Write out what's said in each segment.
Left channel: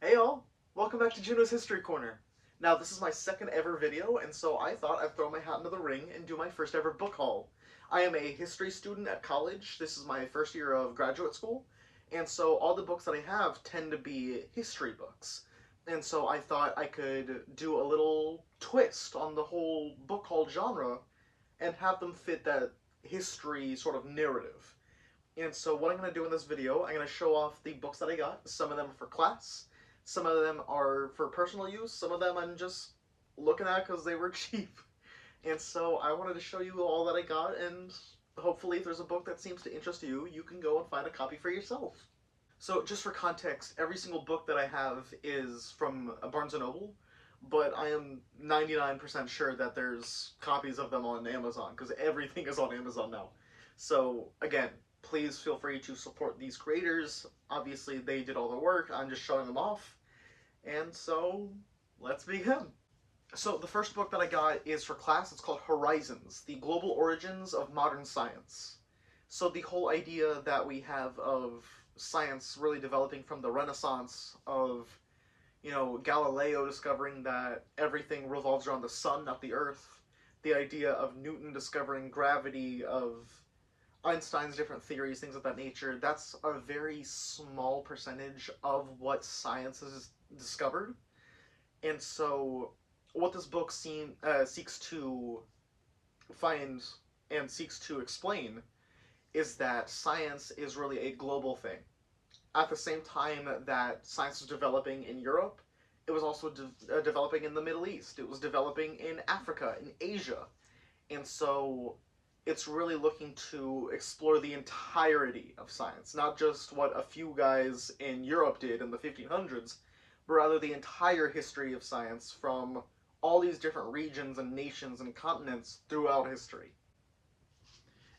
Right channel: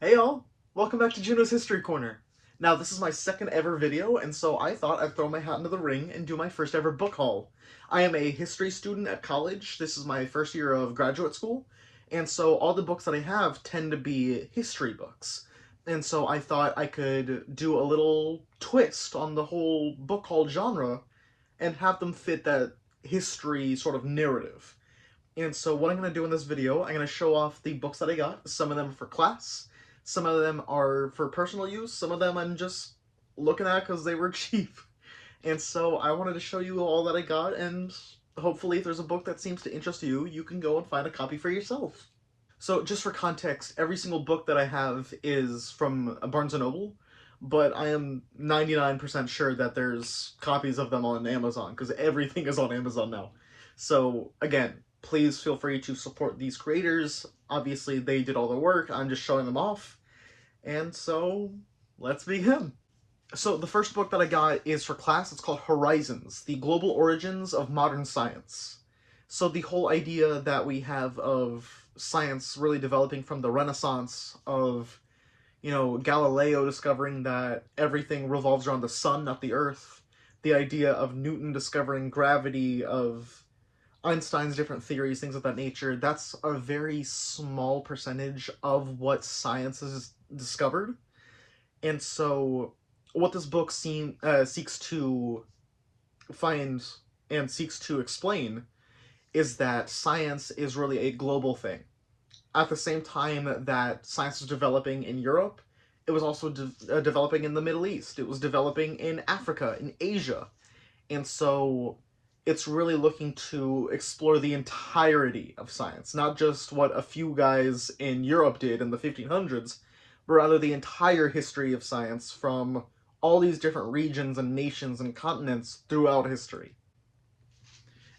Hey y'all! Welcome back to Juno's History Corner. Now, this is my second ever video, and so I thought I'd throw my hat into the ring and do my first ever book haul. I am a history student at college. This is my first year of graduate school, and so all the books that I have tend to be history books. And so I thought I could do a little twist on the whole book haul genre and have them fit that history sort of narrative. And so what I'm going to do in this video, I'm going to show off the books that I got. Some of them are for class, some of them are for personal use, some of them I'm just looking at because they were cheap. And so I wanted to show you all that I got, and hopefully if there's a book that seems to interest you, you can go and find a copy for yourself. So just for context, every single book that I have is from Barnes & Noble, but I am 99% sure that there's copies of them on Amazon, because everything is on Amazon now. So again, please feel free to support these creators. Obviously, they did all the work. I'm just showing them off. And so, let's begin. So, the first book that I got is for class. It's called Horizons, The Global Origins of Modern Science. So, the whole idea that we have of science really developing from the Renaissance, of, Galileo discovering that everything revolves around the sun, not the earth, the idea of Newton discovering gravity, of Einstein's different theories, things of that nature, that's a very small percentage of what science has discovered. And so what this book seeks to find and seeks to explain is that science is really a global thing. At the same time that science was developing in Europe, it was also developing in the Middle East. It was developing in Africa, in Asia. And so it's really looking to explore the entirety of science, not just what a few guys in Europe did in the 1500s, but rather the entire history of science from all these different regions and nations and continents throughout history.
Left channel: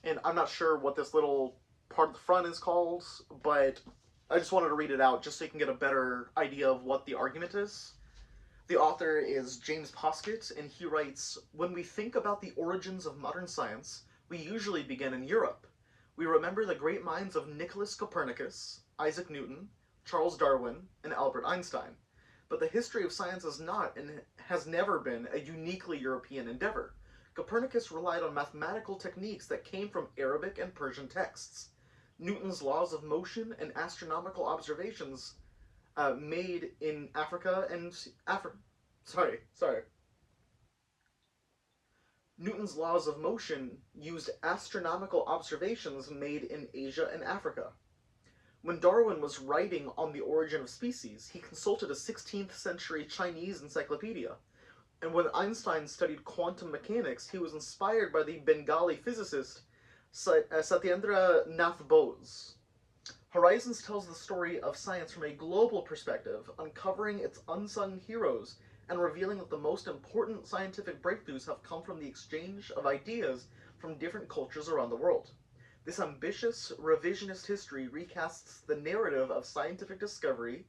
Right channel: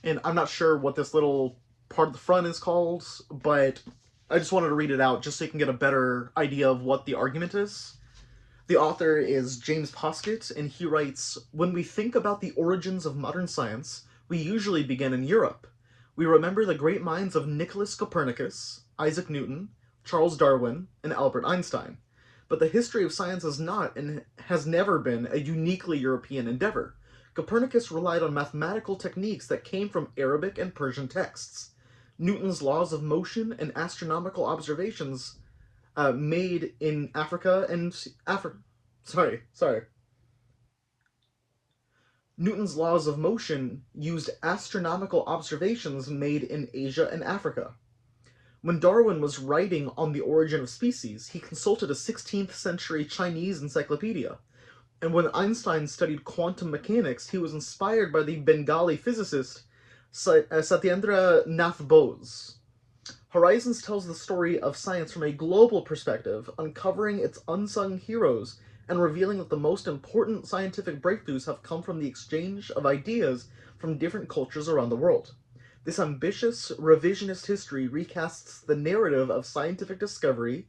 And I'm not sure what this little part of the front is called, but I just wanted to read it out just so you can get a better idea of what the argument is. The author is James Poskett, and he writes, "When we think about the origins of modern science, we usually begin in Europe. We remember the great minds of Nicholas Copernicus, Isaac Newton, Charles Darwin, and Albert Einstein. But the history of science is not, and has never been, a uniquely European endeavor. Copernicus relied on mathematical techniques that came from Arabic and Persian texts. Newton's laws of motion and astronomical observations made in Africa and Newton's laws of motion used astronomical observations made in Asia and Africa. When Darwin was writing on the origin of species, he consulted a 16th century Chinese encyclopedia. And when Einstein studied quantum mechanics, he was inspired by the Bengali physicist Satyendra Nath Bose. Horizons tells the story of science from a global perspective, uncovering its unsung heroes and revealing that the most important scientific breakthroughs have come from the exchange of ideas from different cultures around the world. This ambitious, revisionist history recasts the narrative of scientific discovery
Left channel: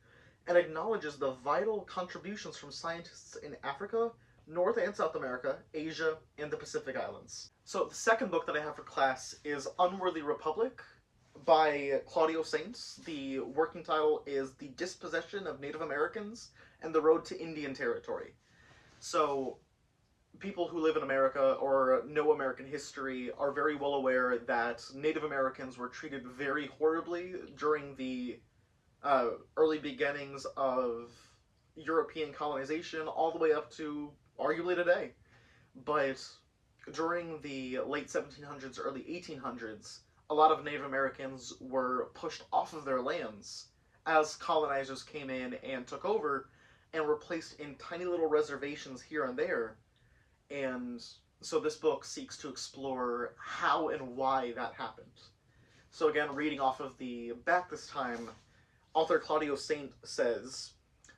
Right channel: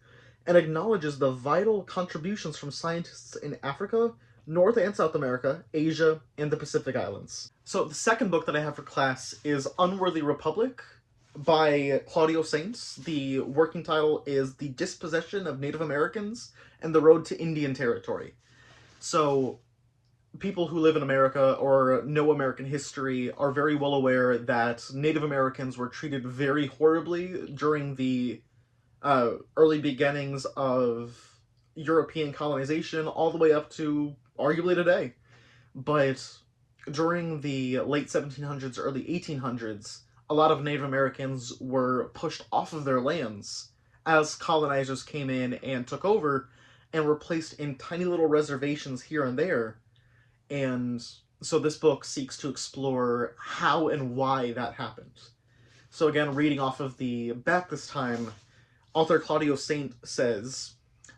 and acknowledges the vital contributions from scientists in Africa, North and South America, Asia, and the Pacific Islands." So the second book that I have for class is Unworthy Republic by Claudio Saints. The working title is The Dispossession of Native Americans and the Road to Indian Territory. So people who live in America or know American history are very well aware that Native Americans were treated very horribly during the early beginnings of European colonization all the way up to arguably today. But during the late 1700s, early 1800s, a lot of Native Americans were pushed off of their lands as colonizers came in and took over and were placed in tiny little reservations here and there. And so this book seeks to explore how and why that happened. So again, reading off of the back this time, author Claudio Saint says,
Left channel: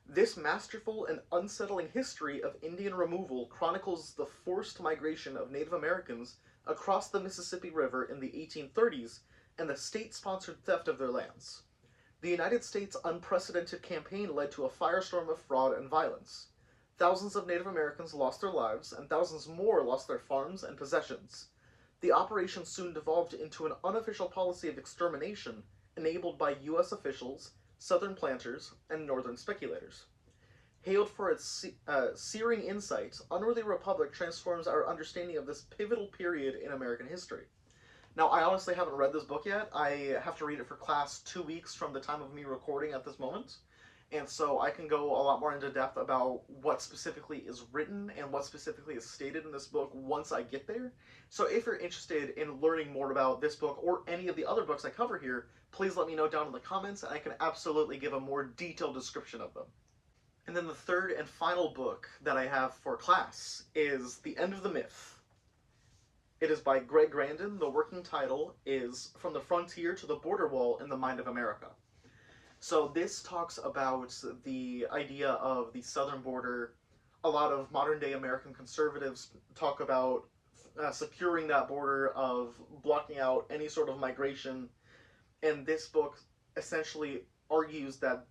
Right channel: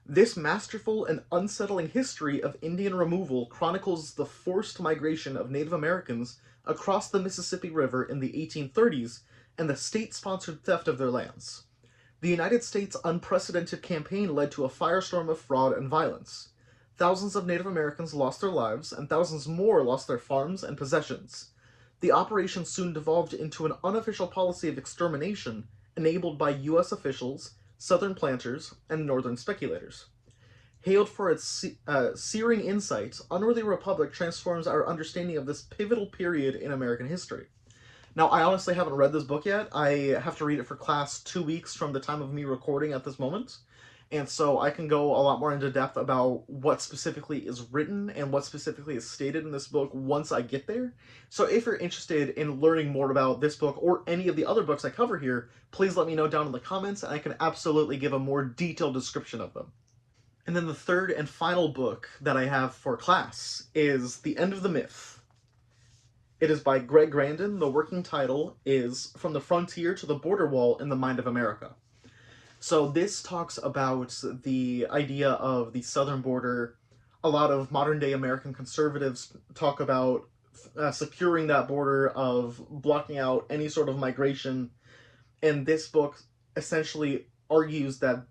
"This masterful and unsettling history of Indian removal chronicles the forced migration of Native Americans across the Mississippi River in the 1830s and the state-sponsored theft of their lands. The United States' unprecedented campaign led to a firestorm of fraud and violence. Thousands of Native Americans lost their lives, and thousands more lost their farms and possessions. The operation soon devolved into an unofficial policy of extermination enabled by U.S. officials, Southern planters, and Northern speculators. Hailed for its searing insight, Unworthy Republic transforms our understanding of this pivotal period in American history. Now, I honestly haven't read this book yet. I have to read it for class 2 weeks from the time of me recording at this moment. And so I can go a lot more into depth about what specifically is written and what specifically is stated in this book once I get there. So if you're interested in learning more about this book or any of the other books I cover here, please let me know down in the comments and I can absolutely give a more detailed description of them. And then the third and final book that I have for class is The End of the Myth. It is by Greg Grandin. The working title is From the Frontier to the Border Wall in the Mind of America. So this talks about the idea of the southern border. A lot of modern-day American conservatives talk about securing that border, of blocking out any sort of migration, and this book essentially argues that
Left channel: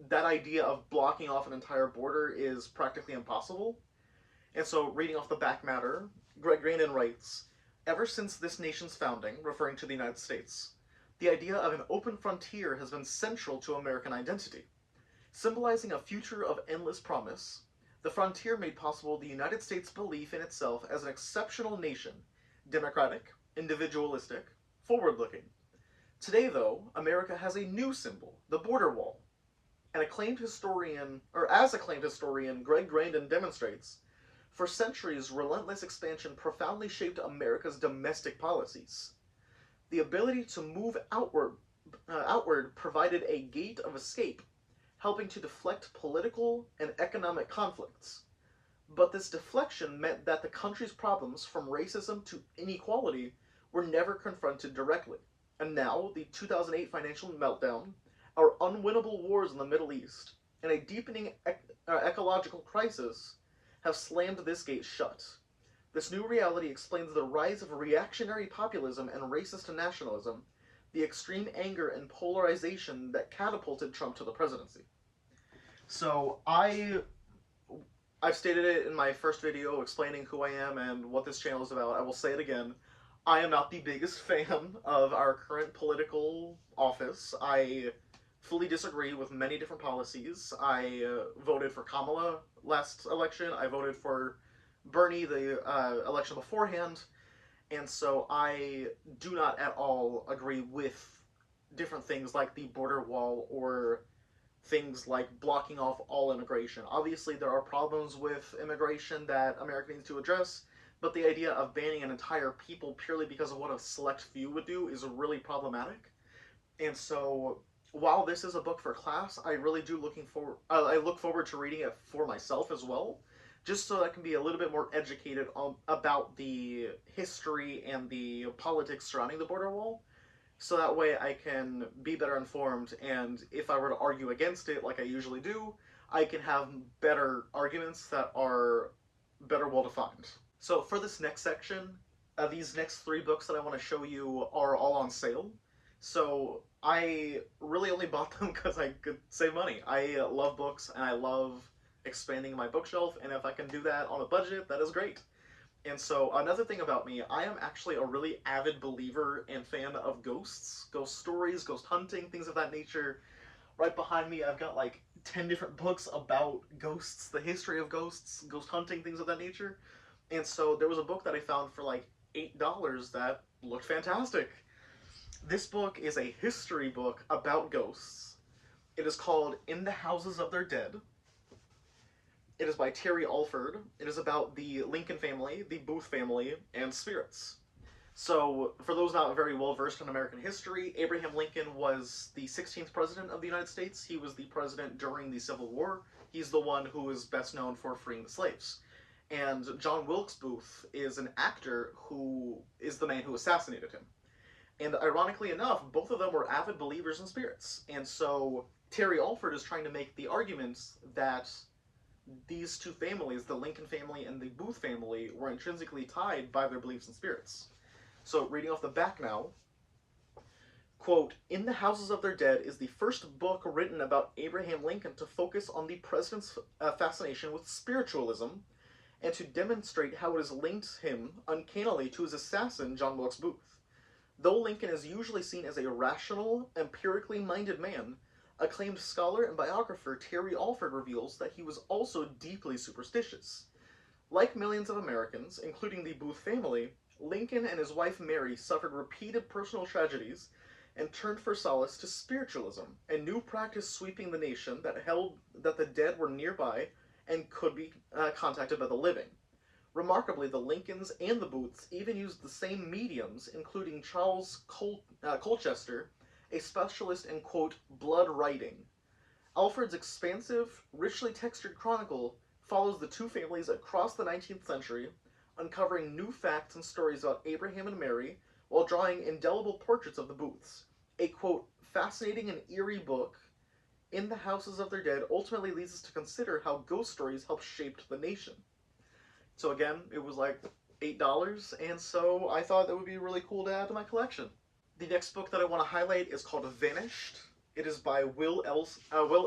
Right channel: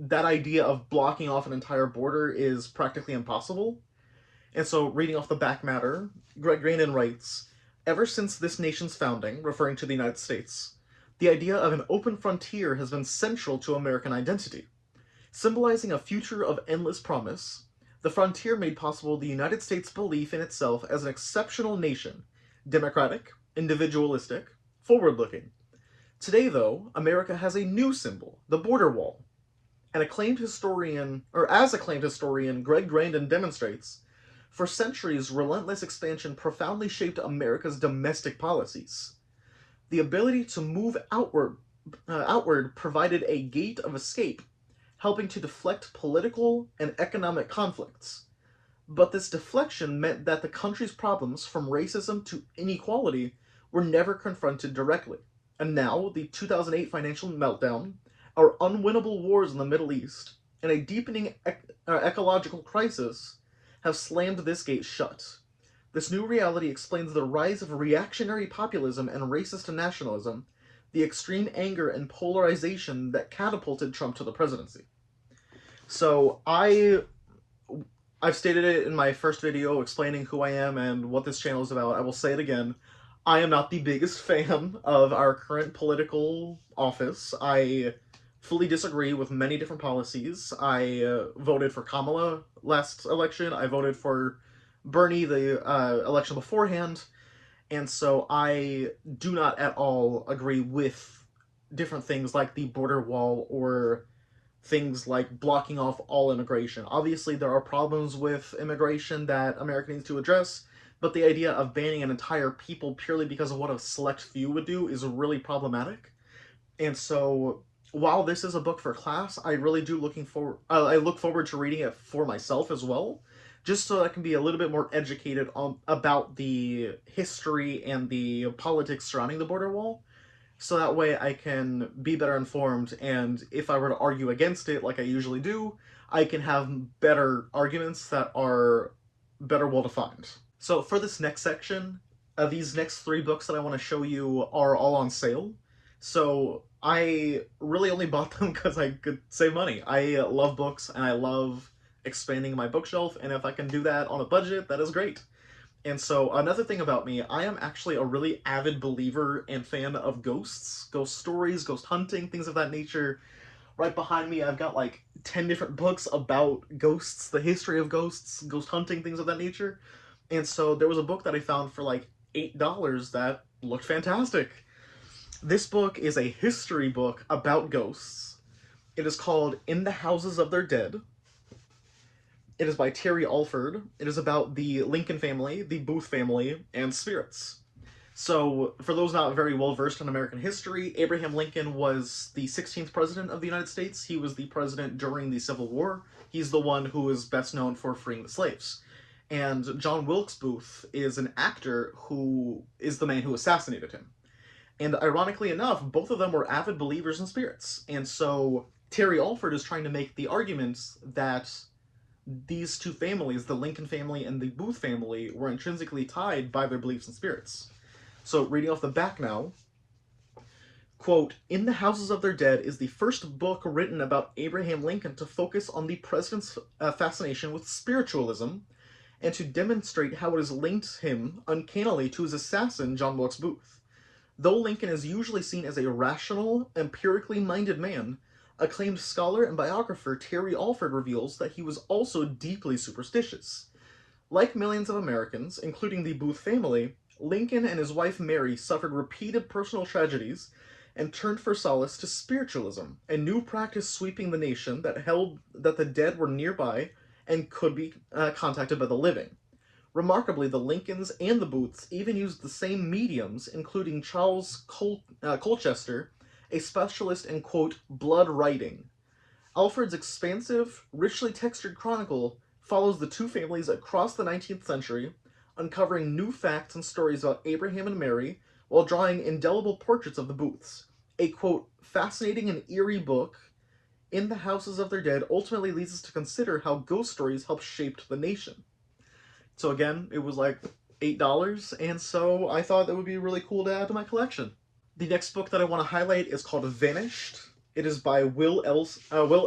that idea of blocking off an entire border is practically impossible. And so, reading off the back matter, Greg Grandin writes, "Ever since this nation's founding, referring to the United States, the idea of an open frontier has been central to American identity. Symbolizing a future of endless promise, the frontier made possible the United States' belief in itself as an exceptional nation, democratic, individualistic, forward-looking. Today, though, America has a new symbol, the border wall. As acclaimed historian Greg Grandin demonstrates, for centuries, relentless expansion profoundly shaped America's domestic policies. The ability to move outward provided a gate of escape, helping to deflect political and economic conflicts. But this deflection meant that the country's problems, from racism to inequality, were never confronted directly. And now, the 2008 financial meltdown, our unwinnable wars in the Middle East, and a deepening ecological crisis have slammed this gate shut. This new reality explains the rise of reactionary populism and racist nationalism, the extreme anger and polarization that catapulted Trump to the presidency." So I've stated it in my first video explaining who I am and what this channel is about. I will say it again. I am not the biggest fan of our current political office. I fully disagree with many different policies. I voted for Kamala last election. I voted for Bernie the election beforehand, and so I do not at all agree with different things like the border wall or things like blocking off all immigration. Obviously, there are problems with immigration that America needs to address, but the idea of banning an entire people purely because of what a select few would do is really problematic. And so, while this is a book for class, I really do I look forward to reading it for myself as well, just so I can be a little bit more educated about the history and the politics surrounding the border wall, so that way I can be better informed, and if I were to argue against it, like I usually do, I can have better arguments that are better well-defined. So for this next section, these next 3 books that I want to show you are all on sale, so I really only bought them because I could save money. I love books, and I love expanding my bookshelf, and if I can do that on a budget, that is great. And so another thing about me, I am actually a really avid believer and fan of ghosts, ghost stories, ghost hunting, things of that nature. Right behind me, I've got like 10 different books about ghosts, the history of ghosts, ghost hunting, things of that nature. And so there was a book that I found for like $8 that looked fantastic. This book is a history book about ghosts. It is called In the Houses of Their Dead. It is by Terry Alford. It is about the Lincoln family, the Booth family, and spirits. So, for those not very well versed in American history, Abraham Lincoln was the 16th president of the United States. He was the president during the Civil War. He's the one who is best known for freeing the slaves. And John Wilkes Booth is an actor who is the man who assassinated him. And ironically enough, both of them were avid believers in spirits. And so Terry Alford is trying to make the arguments that these two families, the Lincoln family and the Booth family, were intrinsically tied by their beliefs in spirits. So, reading off the back now, quote, "In the Houses of Their Dead is the first book written about Abraham Lincoln to focus on the president's fascination with spiritualism and to demonstrate how it has linked him uncannily to his assassin, John Wilkes Booth. Though Lincoln is usually seen as a rational, empirically minded man, acclaimed scholar and biographer Terry Alford reveals that he was also deeply superstitious. Like millions of Americans, including the Booth family, Lincoln and his wife Mary suffered repeated personal tragedies and turned for solace to spiritualism, a new practice sweeping the nation that held that the dead were nearby and could be contacted by the living. Remarkably, the Lincolns and the Booths even used the same mediums, including Charles Colchester, a specialist in, quote, blood writing. Alfred's expansive, richly textured chronicle follows the two families across the 19th century, uncovering new facts and stories about Abraham and Mary, while drawing indelible portraits of the Booths. A, quote, fascinating and eerie book in the houses of their dead ultimately leads us to consider how ghost stories helped shape the nation. So again, it was like $8, and so I thought that would be really cool to add to my collection. The next book that I want to highlight is called Vanished. It is by Will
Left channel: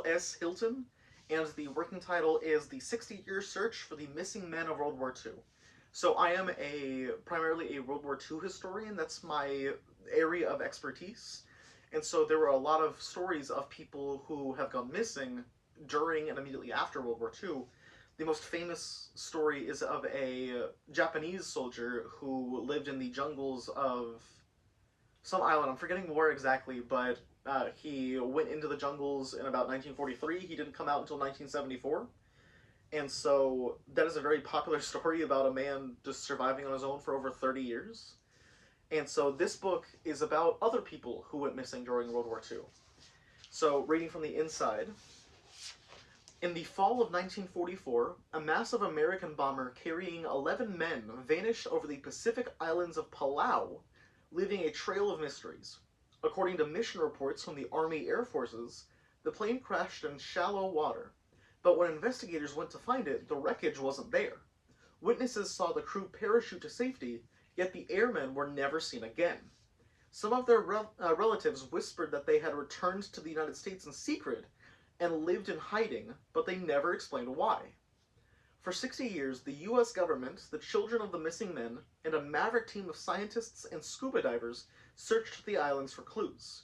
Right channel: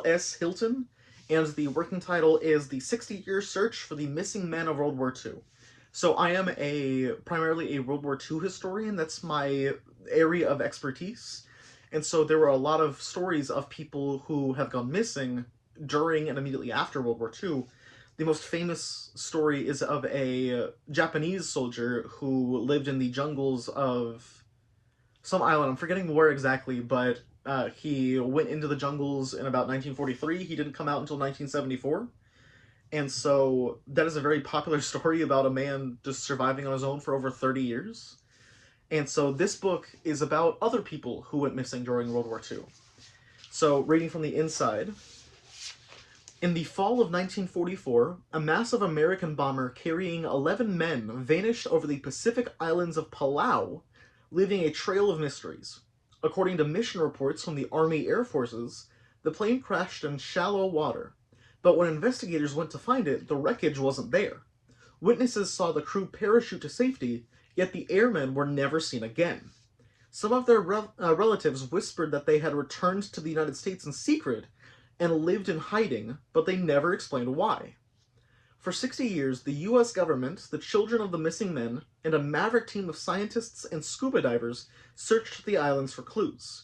S. Hilton, and the working title is The 60-Year Search for the Missing Men of World War II. So I am primarily a World War II historian. That's my area of expertise. And so there were a lot of stories of people who have gone missing during and immediately after World War II. The most famous story is of a Japanese soldier who lived in the jungles of some island. I'm forgetting where exactly, but he went into the jungles in about 1943. He didn't come out until 1974. And so that is a very popular story about a man just surviving on his own for over 30 years. And so this book is about other people who went missing during World War II. So reading from the inside. In the fall of 1944, a massive American bomber carrying 11 men vanished over the Pacific islands of Palau, leaving a trail of mysteries. According to mission reports from the Army Air Forces, the plane crashed in shallow water, but when investigators went to find it, the wreckage wasn't there. Witnesses saw the crew parachute to safety, yet the airmen were never seen again. Some of their relatives whispered that they had returned to the United States in secret and lived in hiding, but they never explained why. For 60 years, the U.S. government, the children of the missing men, and a maverick team of scientists and scuba divers searched the islands for clues.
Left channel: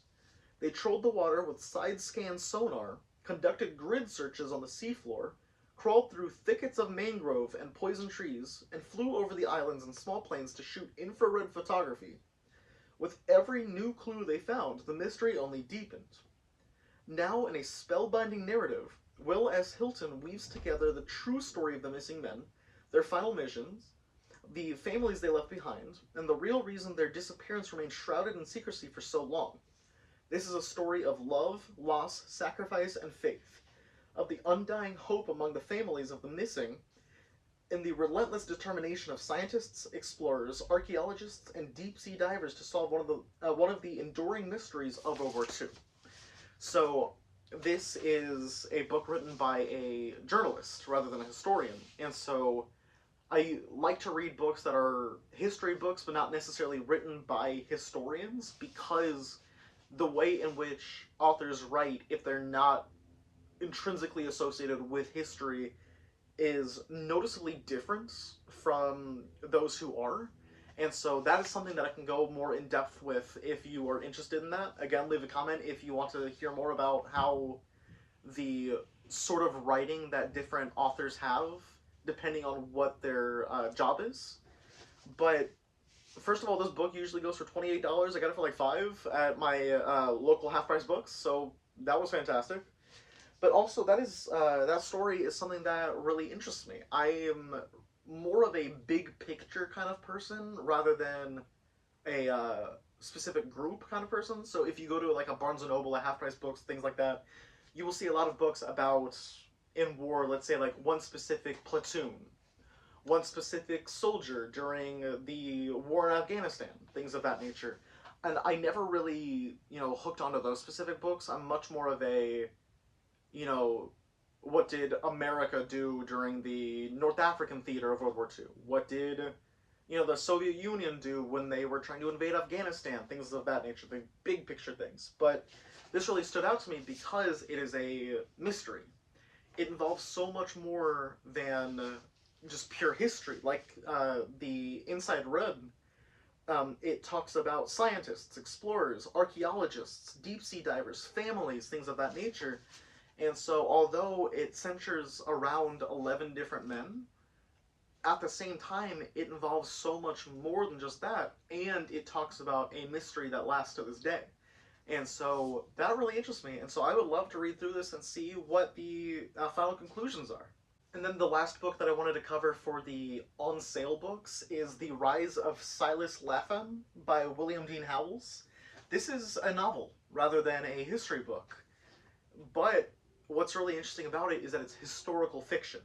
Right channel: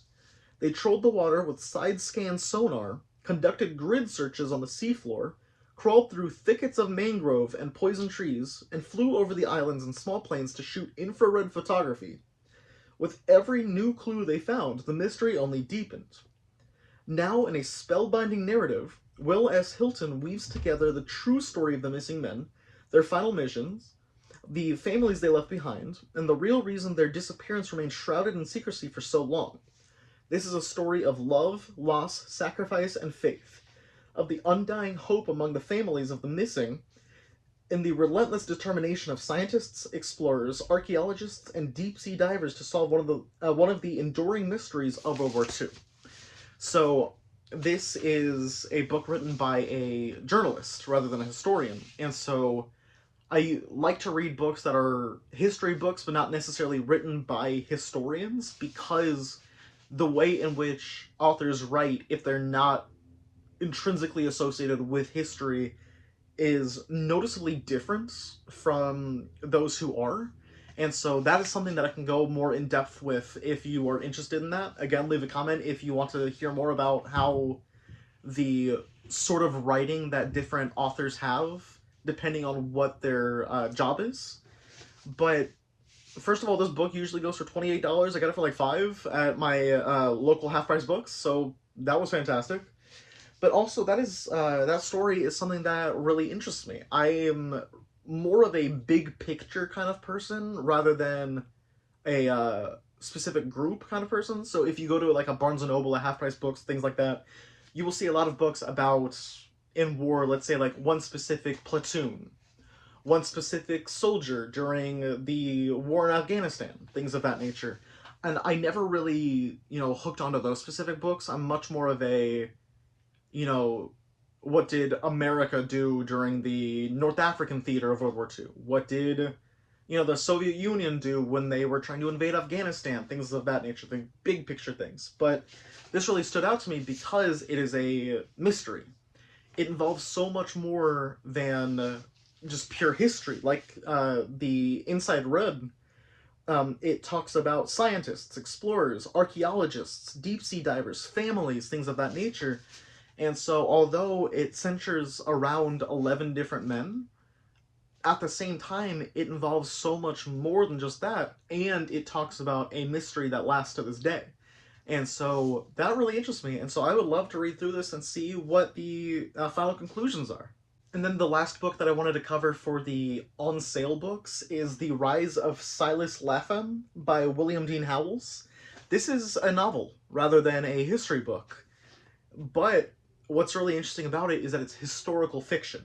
They trolled the water with side-scan sonar, conducted grid searches on the seafloor, crawled through thickets of mangrove and poison trees, and flew over the islands in small planes to shoot infrared photography. With every new clue they found, the mystery only deepened. Now, in a spellbinding narrative, Will S. Hilton weaves together the true story of the missing men, their final missions, the families they left behind, and the real reason their disappearance remained shrouded in secrecy for so long. This is a story of love, loss, sacrifice, and faith, of the undying hope among the families of the missing, and the relentless determination of scientists, explorers, archaeologists, and deep-sea divers to solve one of the enduring mysteries of World War II. So, this is a book written by a journalist rather than a historian, and so I like to read books that are history books, but not necessarily written by historians, because the way in which authors write, if they're not intrinsically associated with history, is noticeably different from those who are. And so that is something that I can go more in depth with if you are interested in that. Again, leave a comment if you want to hear more about how the sort of writing that different authors have, depending on what their job is. But first of all, this book usually goes for $28. I got it for like $5 at my local half-price books, so that was fantastic. But also, that story is something that really interests me. I am more of a big picture kind of person rather than a specific group kind of person. So if you go to like a Barnes & Noble, a half-price books, things like that, you will see a lot of books about, in war, let's say like one specific platoon, one specific soldier during the war in Afghanistan, things of that nature. And I never really, hooked onto those specific books. I'm much more of a, what did America do during the North African theater of World War II? What did, the Soviet Union do when they were trying to invade Afghanistan? Things of that nature, the big picture things. But this really stood out to me because it is a mystery. It involves so much more than just pure history, like the Inside Red. It talks about scientists, explorers, archaeologists, deep sea divers, families, things of that nature. And so, although it centers around 11 different men, at the same time, it involves so much more than just that, and it talks about a mystery that lasts to this day. And so, that really interests me, and so I would love to read through this and see what the final conclusions are. And then the last book that I wanted to cover for the on sale books is The Rise of Silas Lapham by William Dean Howells. This is a novel rather than a history book, but what's really interesting about it is that it's historical fiction,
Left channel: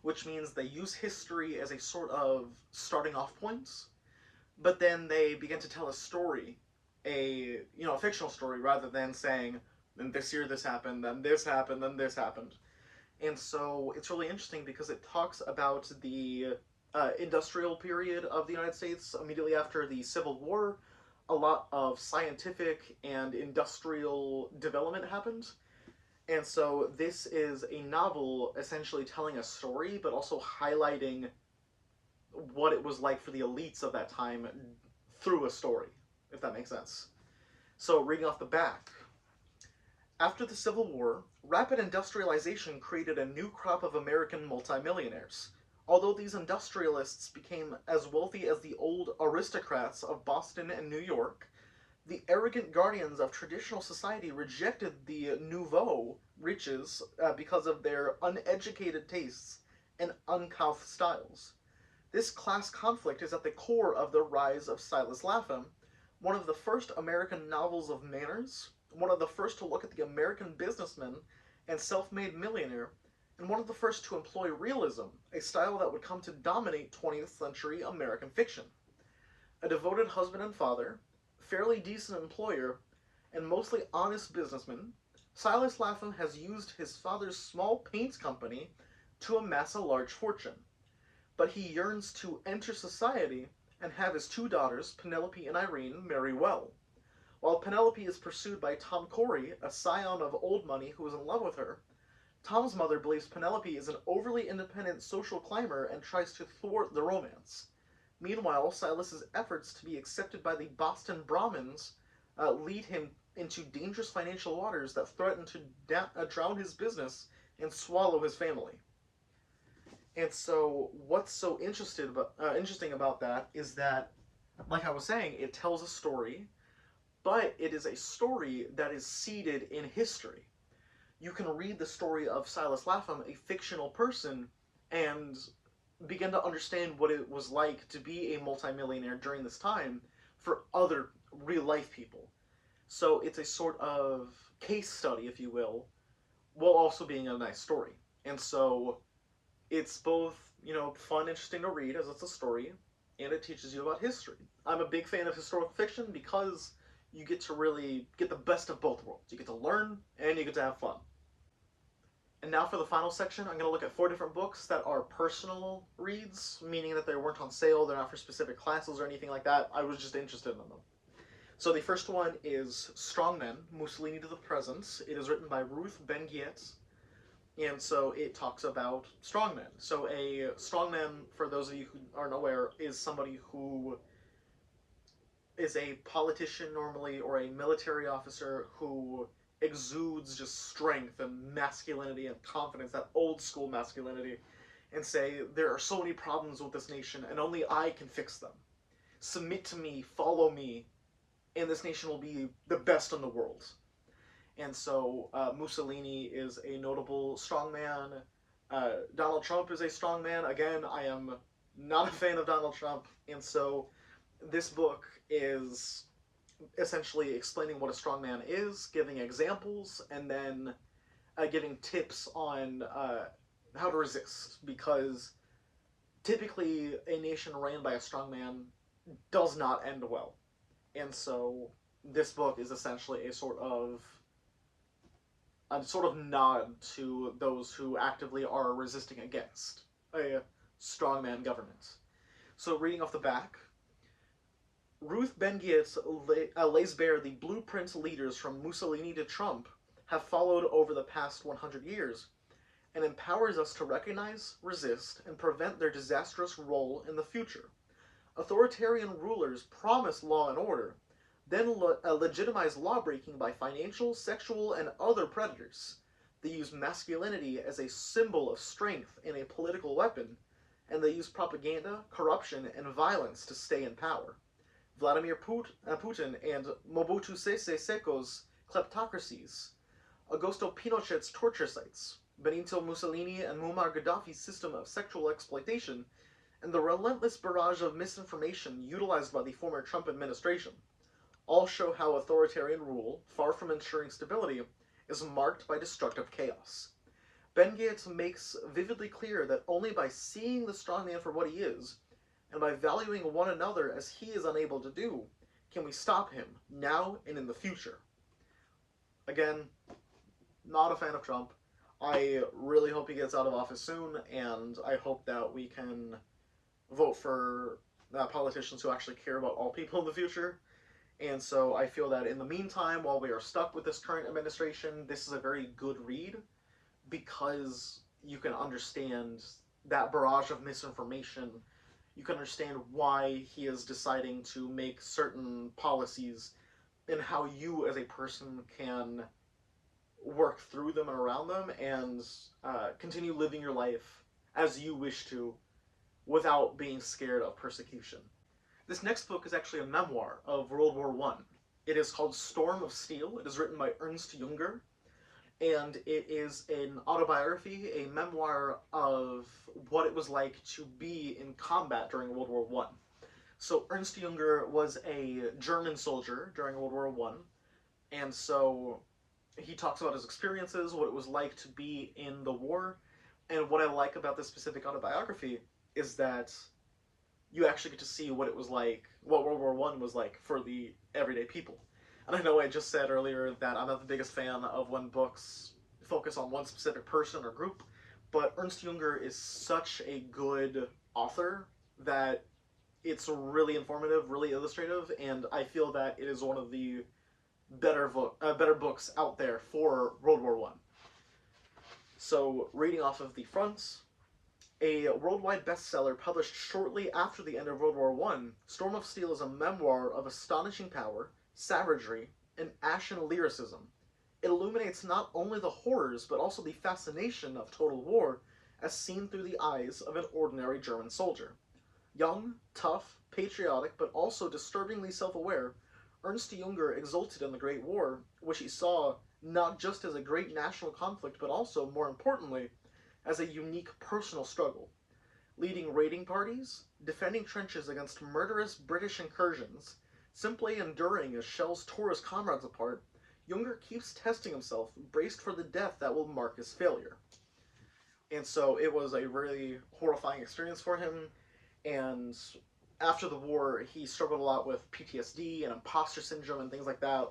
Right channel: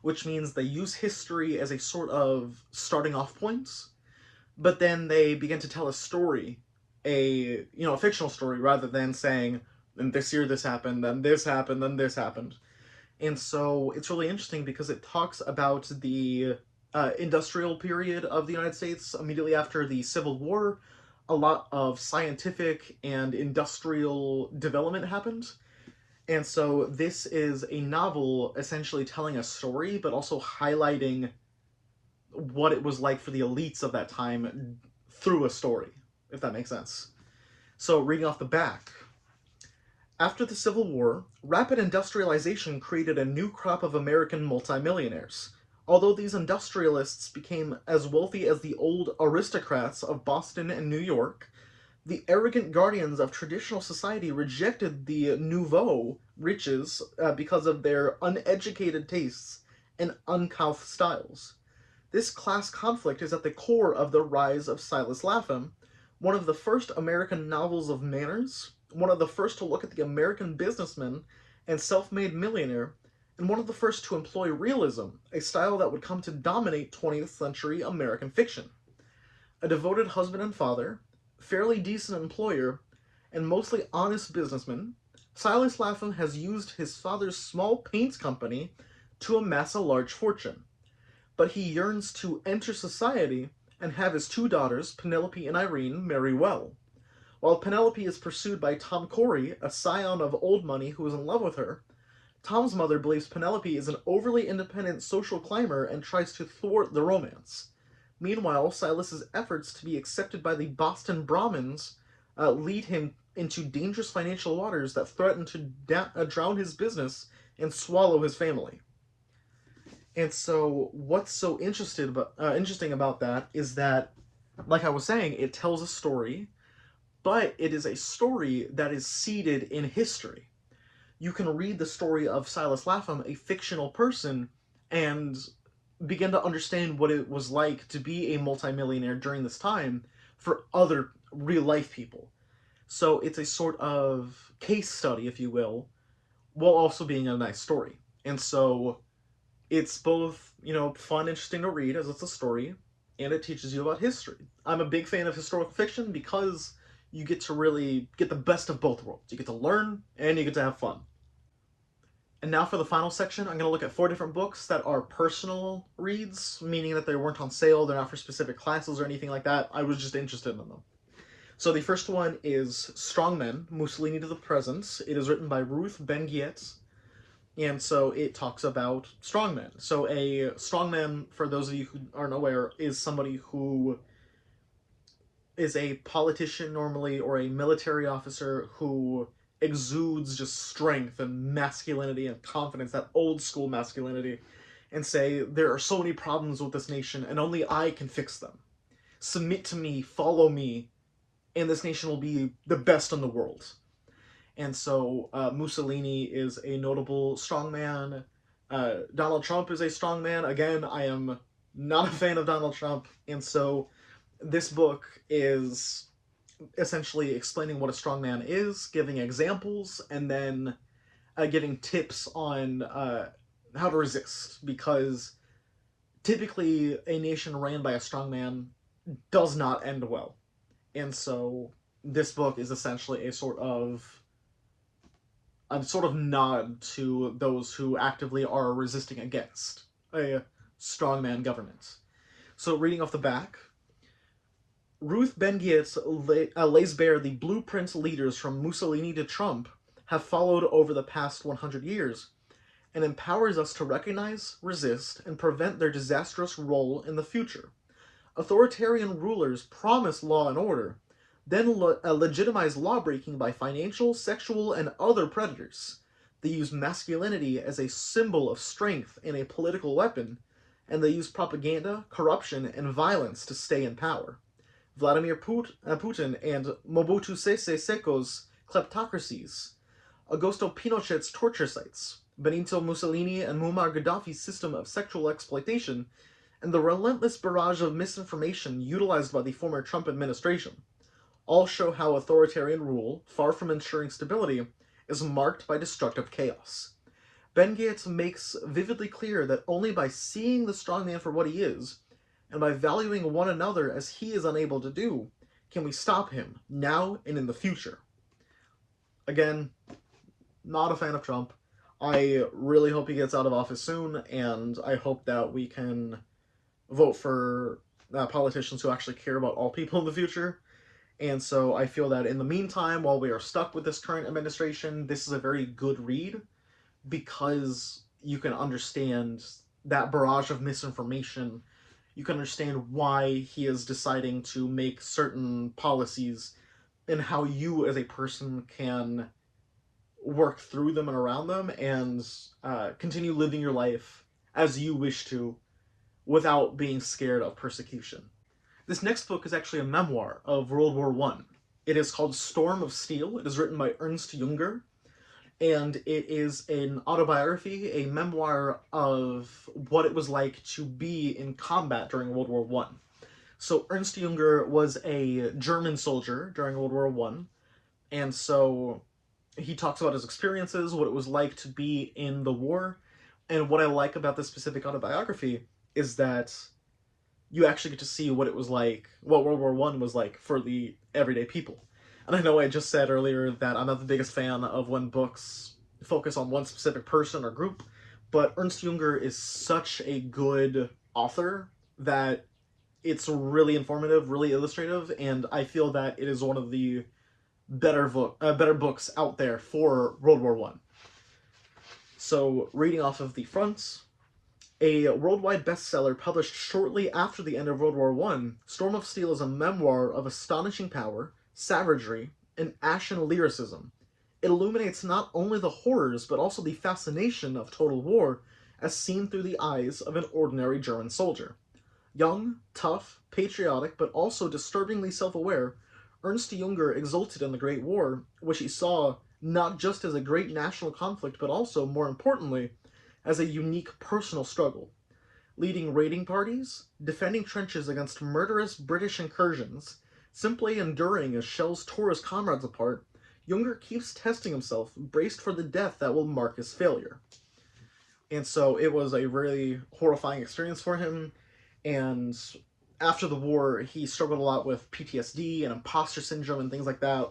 which means they use history as a sort of starting off point, but then they begin to tell a story, a fictional story, rather than saying, "In this year this happened, then this happened, then this happened." And so it's really interesting because it talks about the industrial period of the United States immediately after the Civil War. A lot of scientific and industrial development happened. And so this is a novel essentially telling a story, but also highlighting what it was like for the elites of that time through a story, if that makes sense. So reading off the back, after the Civil War, rapid industrialization created a new crop of American multimillionaires. Although these industrialists became as wealthy as the old aristocrats of Boston and New York, the arrogant guardians of traditional society rejected the nouveau riches because of their uneducated tastes and uncouth styles. This class conflict is at the core of The Rise of Silas Lapham, one of the first American novels of manners, one of the first to look at the American businessman and self-made millionaire, and one of the first to employ realism, a style that would come to dominate 20th century American fiction. A devoted husband and father, fairly decent employer, and mostly honest businessman, Silas Lapham has used his father's small paint company to amass a large fortune. But he yearns to enter society and have his two daughters, Penelope and Irene, marry well. While Penelope is pursued by Tom Corey, a scion of old money who is in love with her, Tom's mother believes Penelope is an overly independent social climber and tries to thwart the romance. Meanwhile, Silas's efforts to be accepted by the Boston Brahmins lead him into dangerous financial waters that threaten to drown his business and swallow his family. And so, what's so interesting about that is that, like I was saying, it tells a story, but it is a story that is seated in history. You can read the story of Silas Lapham, a fictional person, and begin to understand what it was like to be a multimillionaire during this time for other real-life people. So it's a sort of case study, if you will, while also being a nice story. And so it's both, fun, interesting to read as it's a story, and it teaches you about history. I'm a big fan of historical fiction because you get to really get the best of both worlds. You get to learn, and you get to have fun. And now for the final section, I'm going to look at 4 different books that are personal reads, meaning that they weren't on sale, they're not for specific classes or anything like that. I was just interested in them. So the first one is Strong Men, Mussolini to the Present. It is written by Ruth Ben-Ghiat, and so it talks about strongmen. So a strongman, for those of you who aren't aware, is somebody who is a politician normally or a military officer who exudes just strength and masculinity and confidence, that old school masculinity, and say, there are so many problems with this nation and only I can fix them. Submit to me, follow me, and this nation will be the best in the world. And so Mussolini is a notable strongman. Donald Trump is a strongman. Again, I am not a fan of Donald Trump, and so this book is essentially explaining what a strongman is, giving examples, and then giving tips on how to resist, because typically a nation ran by a strongman does not end well. And so this book is essentially a sort of nod to those who actively are resisting against a strongman government. So reading off the back, Ruth Ben-Ghiat lays bare the blueprint leaders from Mussolini to Trump have followed over the past 100 years, and empowers us to recognize, resist, and prevent their disastrous role in the future. Authoritarian rulers promise law and order, then legitimize lawbreaking by financial, sexual, and other predators. They use masculinity as a symbol of strength and a political weapon, and they use propaganda, corruption, and violence to stay in power. Vladimir Putin and Mobutu Sese Seko's kleptocracies, Augusto Pinochet's torture sites, Benito Mussolini and Muammar Gaddafi's system of sexual exploitation, and the relentless barrage of misinformation utilized by the former Trump administration, all show how authoritarian rule, far from ensuring stability, is marked by destructive chaos. Ben Gates makes vividly clear that only by seeing the strongman for what he is, and by valuing one another as he is unable to do, can we stop him, now and in the future. Again, not a fan of Trump. I really hope he gets out of office soon, and I hope that we can vote for politicians who actually care about all people in the future. And so I feel that in the meantime, while we are stuck with this current administration, this is a very good read, because you can understand that barrage of misinformation. You can understand why he is deciding to make certain policies, and how you as a person can work through them and around them, and continue living your life as you wish to, without being scared of persecution. This next book is actually a memoir of World War I. It is called Storm of Steel. It is written by Ernst Junger, and it is an autobiography, a memoir of what it was like to be in combat during World War I. So Ernst Junger was a German soldier during World War I, and so he talks about his experiences, what it was like to be in the war, and what I like about this specific autobiography is that you actually get to see what it was like, what World War I was like for the everyday people. And I know I just said earlier that I'm not the biggest fan of when books focus on one specific person or group, but Ernst Junger is such a good author that it's really informative, really illustrative, and I feel that it is one of the better books out there for World War I. So, reading off of the front, a worldwide bestseller published shortly after the end of World War I, Storm of Steel is a memoir of astonishing power, savagery, and ashen lyricism. It illuminates not only the horrors, but also the fascination of total war, as seen through the eyes of an ordinary German soldier. Young, tough, patriotic, but also disturbingly self-aware, Ernst Junger exulted in the Great War, which he saw not just as a great national conflict, but also, more importantly, as a unique personal struggle. Leading raiding parties, defending trenches against murderous British incursions, simply enduring as shells tore his comrades apart, Junger keeps testing himself, braced for the death that will mark his failure. And so it was a really horrifying experience for him, and after the war, he struggled a lot with PTSD and imposter syndrome and things like that.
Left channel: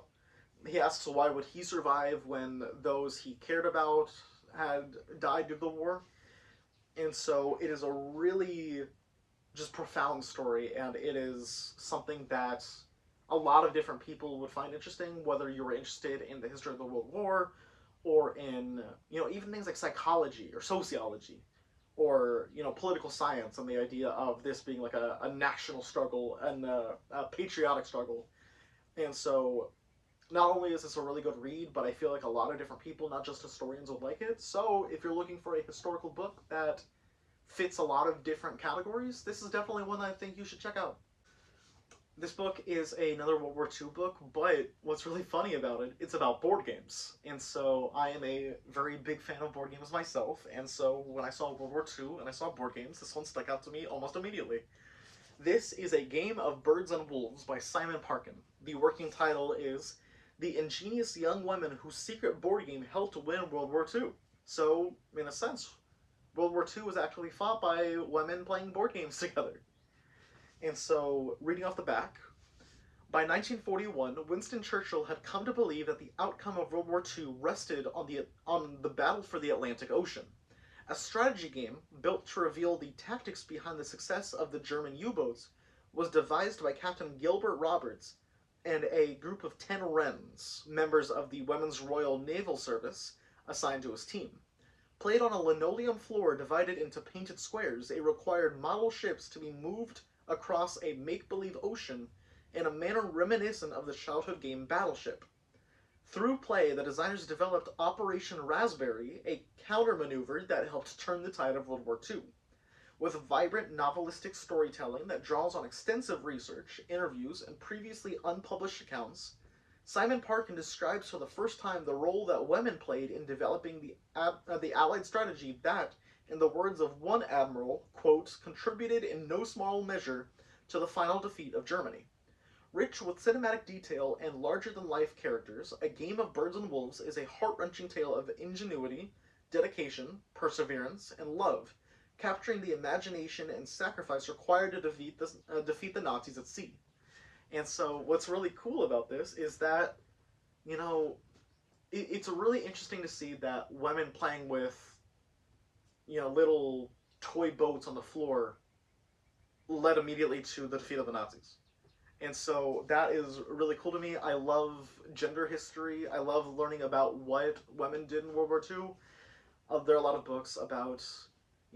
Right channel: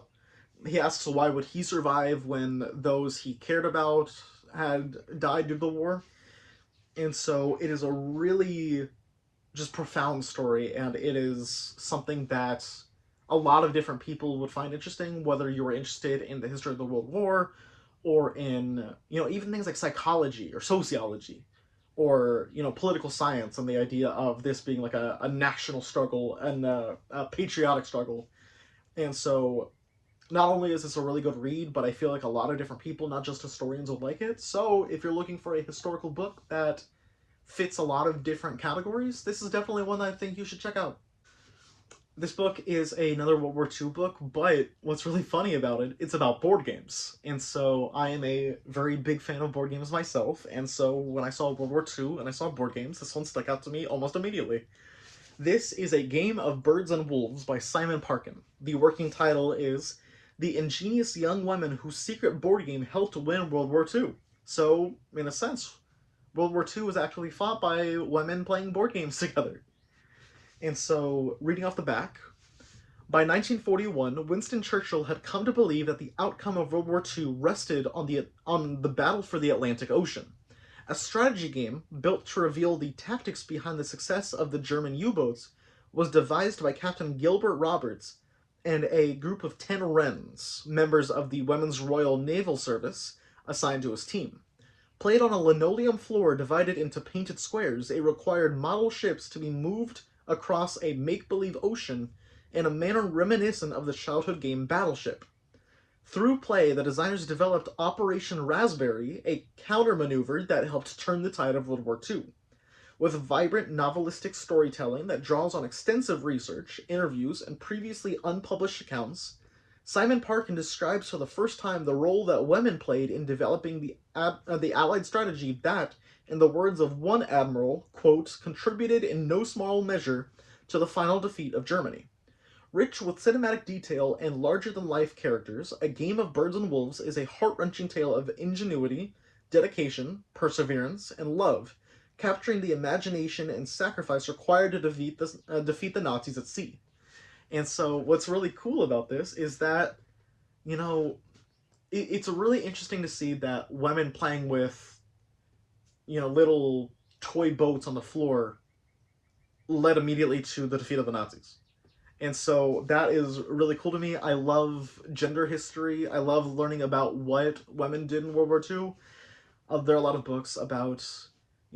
He asks why would he survive when those he cared about had died due to the war. And so it is a really just profound story, and it is something that a lot of different people would find interesting, whether you were interested in the history of the World War, or in, even things like psychology or sociology, or, political science, and the idea of this being like a national struggle and a patriotic struggle. And so not only is this a really good read, but I feel like a lot of different people, not just historians, will like it. So if you're looking for a historical book that fits a lot of different categories, this is definitely one that I think you should check out. This book is another World War II book, but what's really funny about it, it's about board games. And so I am a very big fan of board games myself, and so when I saw World War II and I saw board games, this one stuck out to me almost immediately. This is A Game of Birds and Wolves by Simon Parkin. The working title is The Ingenious Young Women Whose Secret Board Game Helped Win World War II. So, in a sense, World War II was actually fought by women playing board games together. And so, reading off the back, by 1941, Winston Churchill had come to believe that the outcome of World War II rested on the battle for the Atlantic Ocean. A strategy game, built to reveal the tactics behind the success of the German U-boats, was devised by Captain Gilbert Roberts and a group of 10 Wrens, members of the Women's Royal Naval Service, assigned to his team. Played on a linoleum floor divided into painted squares, it required model ships to be moved across a make-believe ocean in a manner reminiscent of the childhood game Battleship. Through play, the designers developed Operation Raspberry, a counter-maneuver that helped turn the tide of World War II. With vibrant novelistic storytelling that draws on extensive research, interviews, and previously unpublished accounts, Simon Parkin describes for the first time the role that women played in developing the Allied strategy that, in the words of one admiral, quote, contributed in no small measure to the final defeat of Germany. Rich with cinematic detail and larger-than-life characters, A Game of Birds and Wolves is a heart-wrenching tale of ingenuity, dedication, perseverance, and love, capturing the imagination and sacrifice required to defeat the Nazis at sea. And so what's really cool about this is that, you know, it's really interesting to see that women playing with, little toy boats on the floor led immediately to the defeat of the Nazis. And so that is really cool to me. I love gender history. I love learning about what women did in World War II. There are a lot of books about,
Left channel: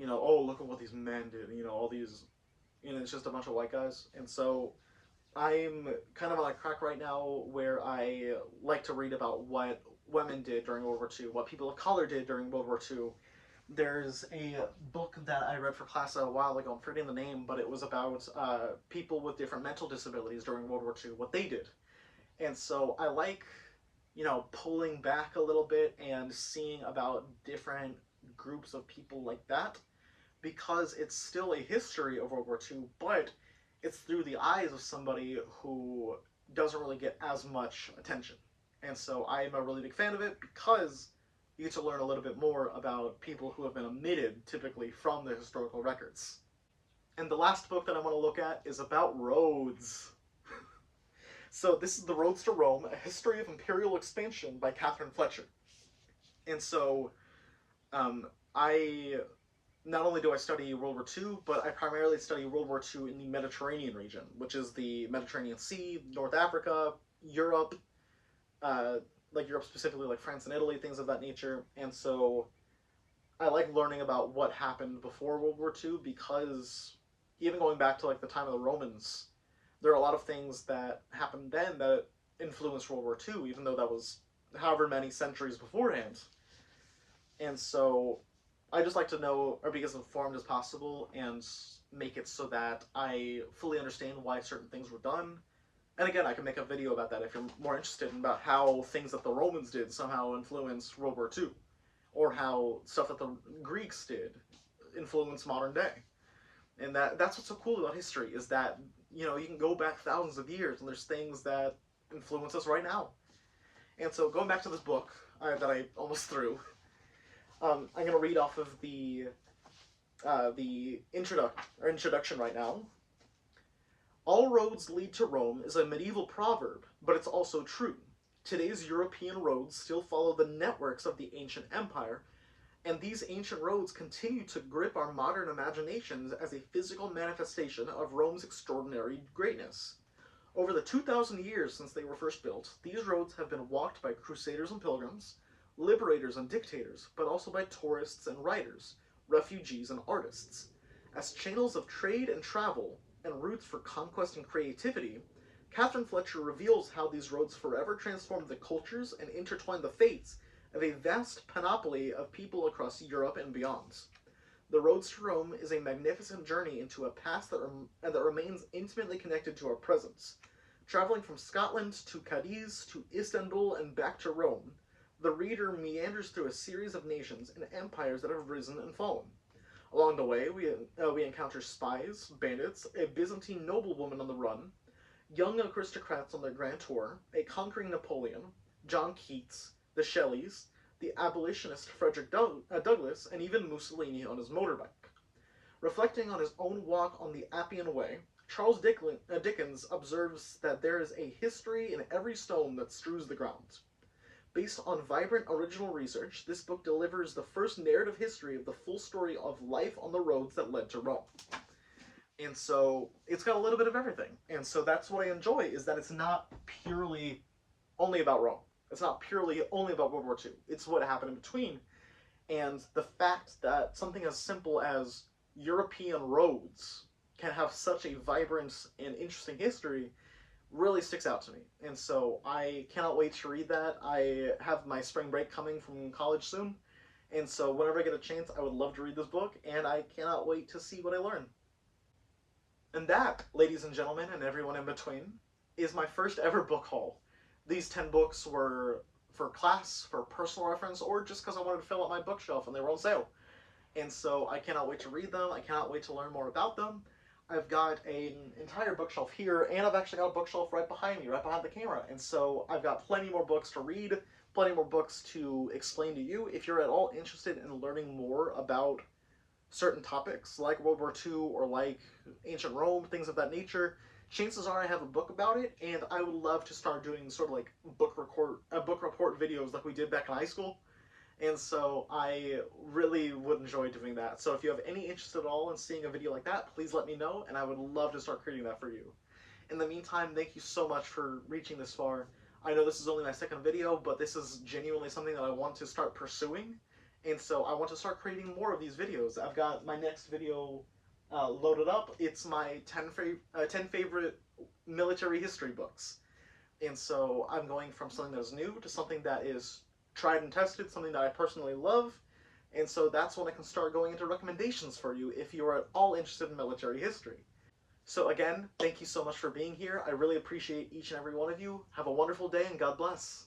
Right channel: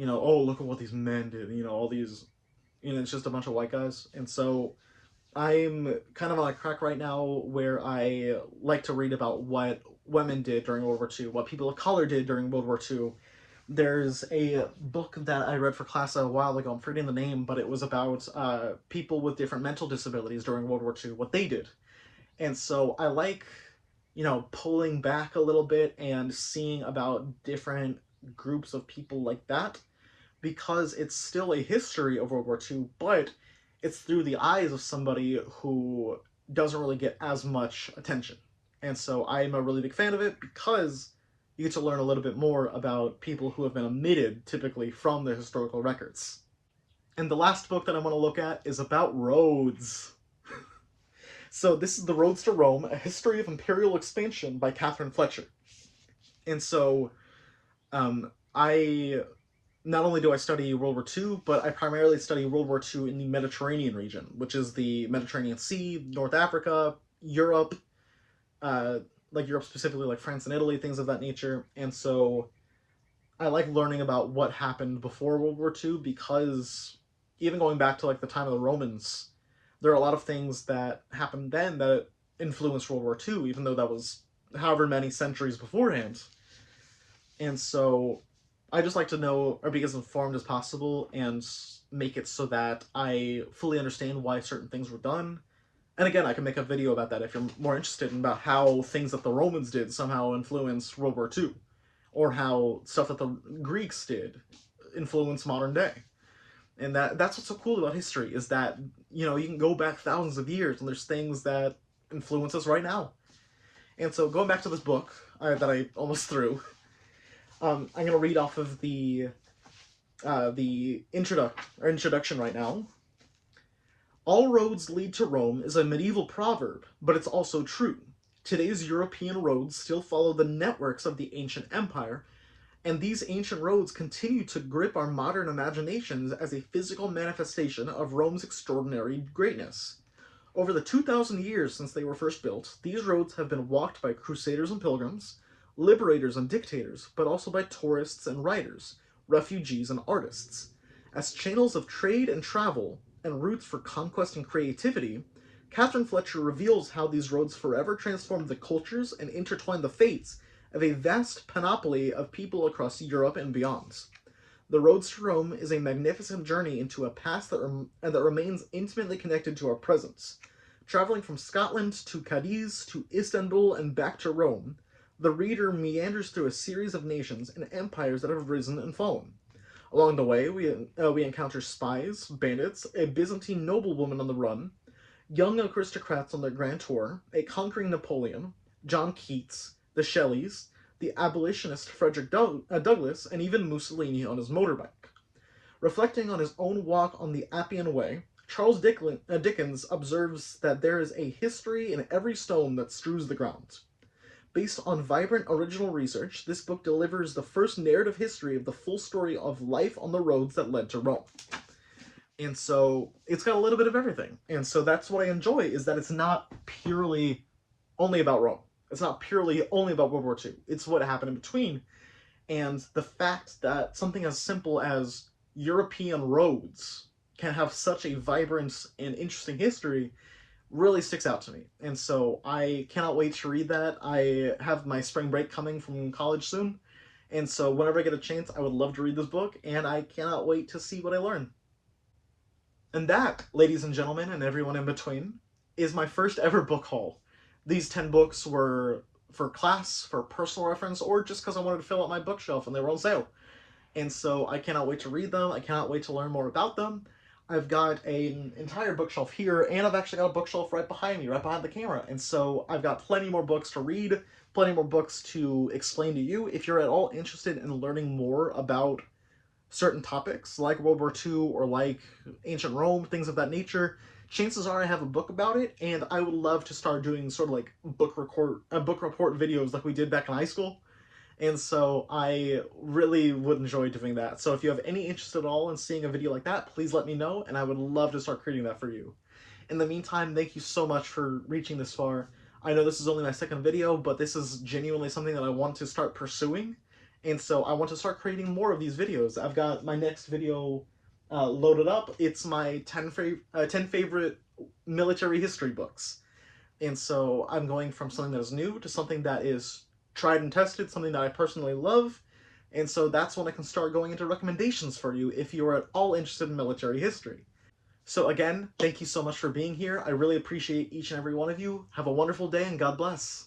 oh, look at what these men did. All these, it's just a bunch of white guys. And so I'm kind of on a crack right now where I like to read about what women did during World War II, what people of color did during World War II. There's a book that I read for class a while ago, I'm forgetting the name, but it was about people with different mental disabilities during World War II, what they did. And so I like, pulling back a little bit and seeing about different groups of people like that, because it's still a history of World War II, but it's through the eyes of somebody who doesn't really get as much attention. And so I am a really big fan of it because you get to learn a little bit more about people who have been omitted, typically, from the historical records. And the last book that I want to look at is about roads. So this is The Roads to Rome, A History of Imperial Expansion by Catherine Fletcher. And so not only do I study World War II, but I primarily study World War II in the Mediterranean region, which is the Mediterranean Sea, North Africa, Europe, like Europe specifically, like France and Italy, things of that nature. And so I like learning about what happened before World War II, because even going back to like the time of the Romans, there are a lot of things that happened then that influenced World War II, even though that was however many centuries beforehand. And so I just like to know, or be as informed as possible, and make it so that I fully understand why certain things were done. And again, I can make a video about that if you're more interested in about how things that the Romans did somehow influenced World War II, or how stuff that the Greeks did influenced modern day. And that's what's so cool about history, is that, you can go back thousands of years and there's things that influence us right now. And so going back to this book that I almost threw, I'm going to read off of the introduction right now. All roads lead to Rome is a medieval proverb, but it's also true. Today's European roads still follow the networks of the ancient empire, and these ancient roads continue to grip our modern imaginations as a physical manifestation of Rome's extraordinary greatness. Over the 2,000 years since they were first built, these roads have been walked by crusaders and pilgrims, liberators and dictators, but also by tourists and writers, refugees and artists. As channels of trade and travel, and routes for conquest and creativity, Catherine Fletcher reveals how these roads forever transformed the cultures and intertwined the fates of a vast panoply of people across Europe and beyond. The Roads to Rome is a magnificent journey into a past that remains intimately connected to our present. Traveling from Scotland to Cadiz to Istanbul and back to Rome, the reader meanders through a series of nations and empires that have risen and fallen. Along the way, we encounter spies, bandits, a Byzantine noblewoman on the run, young aristocrats on their grand tour, a conquering Napoleon, John Keats, the Shelleys, the abolitionist Frederick Douglass, and even Mussolini on his motorbike. Reflecting on his own walk on the Appian Way, Charles Dickens observes that there is a history in every stone that strews the ground. Based on vibrant original research, this book delivers the first narrative history of the full story of life on the roads that led to Rome. And so it's got a little bit of everything. And so that's what I enjoy, is that it's not purely only about Rome. It's not purely only about World War II. It's what happened in between. And the fact that something as simple as European roads can have such a vibrant and interesting history really sticks out to me. And so I cannot wait to read that. I have my spring break coming from college soon. And so whenever I get a chance, I would love to read this book, and I cannot wait to see what I learn. And that, ladies and gentlemen, and everyone in between, is my first ever book haul. These 10 books were for class, for personal reference, or just because I wanted to fill out my bookshelf and they were on sale. And so I cannot wait to read them. I cannot wait to learn more about them. I've got an entire bookshelf here, and I've actually got a bookshelf right behind me, right behind the camera. And so I've got plenty more books to read, plenty more books to explain to you. If you're at all interested in learning more about certain topics, like World War II or like ancient Rome, things of that nature, chances are I have a book about it, and I would love to start doing sort of like book report videos like we did back in high school. And so I really would enjoy doing that. So if you have any interest at all in seeing a video like that, please let me know, and I would love to start creating that for you. In the meantime, thank you so much for reaching this far. I know this is only my second video, but this is genuinely something that I want to start pursuing. And so I want to start creating more of these videos. I've got my next video loaded up. It's my 10 favorite military history books. And so I'm going from something that is new to something that is tried and tested, something that I personally love, and so that's when I can start going into recommendations for you if you are at all interested in military history. So again, thank you so much for being here. I really appreciate each and every one of you. Have a wonderful day, and God bless.